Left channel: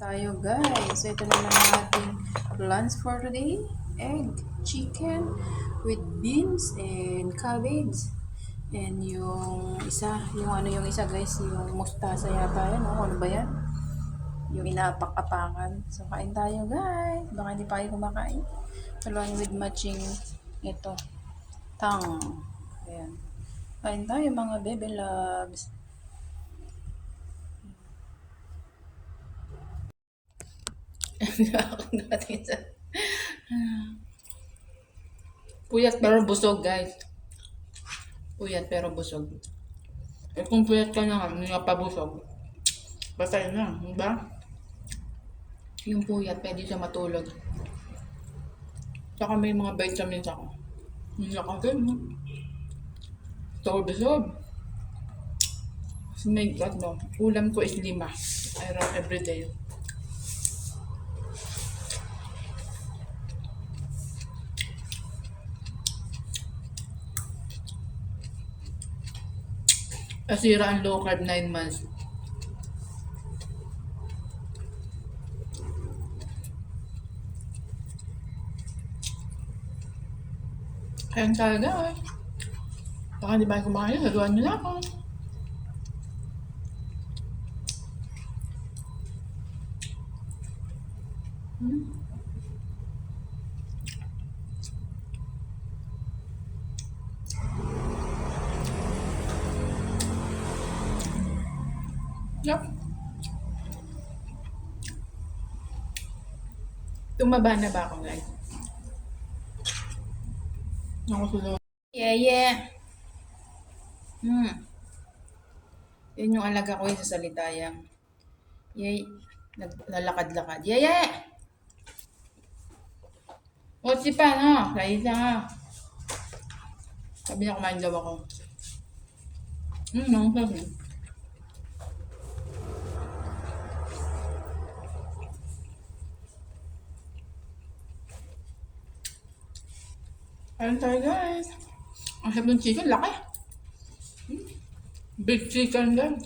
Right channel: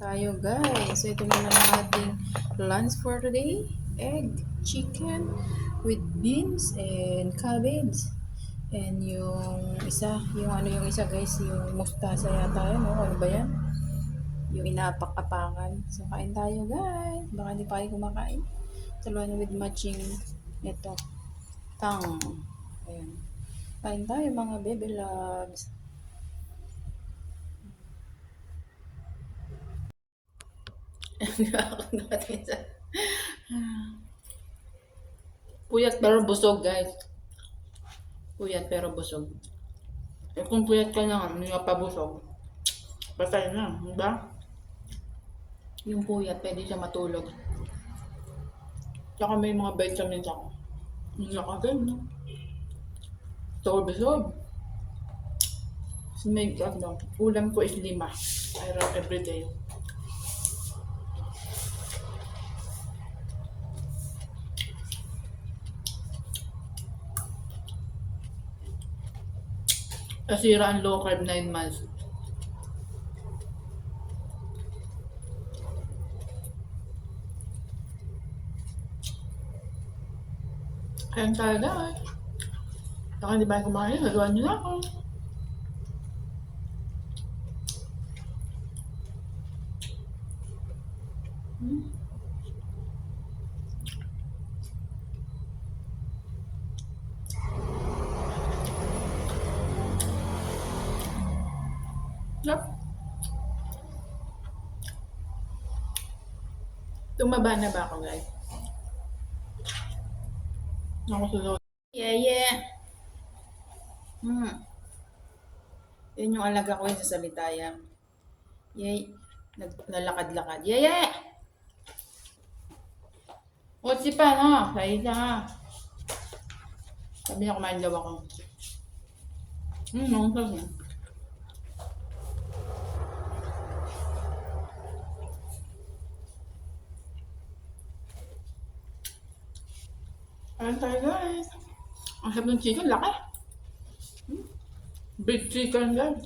Tayo guys. So ito naman ang ating lunch for today. Egg, chicken with beans and cabbage. And yung isa guys, yung mustasa yata yan. O, ano ba yan? Yung inaapak-apakan. So kain tayo guys. Baka hindi pa kayo kumakain. Along with matching ito. Tang. Ayan. Kain tayo mga baby loves. Puyat pero busog guys. Puyat pero busog. Eh kung puyat ka na, hindi ka pa busog. Basta yun na, diba? Yung puyat, pwede siya matulog. Tsaka may mga vitamins ako. Hindi ako ganun. Busog. So may ulam ko is 5. I run everyday. Asira ang low carb 9 months. Kain tayo guys. Baka hindi ba kumain, haluan nyo na ako. Yup. Tumaba na ba ako guys? Nakusulot. Yeah. Yun yung alaga ko yung sa Salitayang. Yay. Naglalakad-lakad. Yeah. What's pa no? Laisa nga. Sabi niya kumain daw ako. Sabi. Ayan tayo guys. Ang sarap ng chicken, laki. Big chicken guys.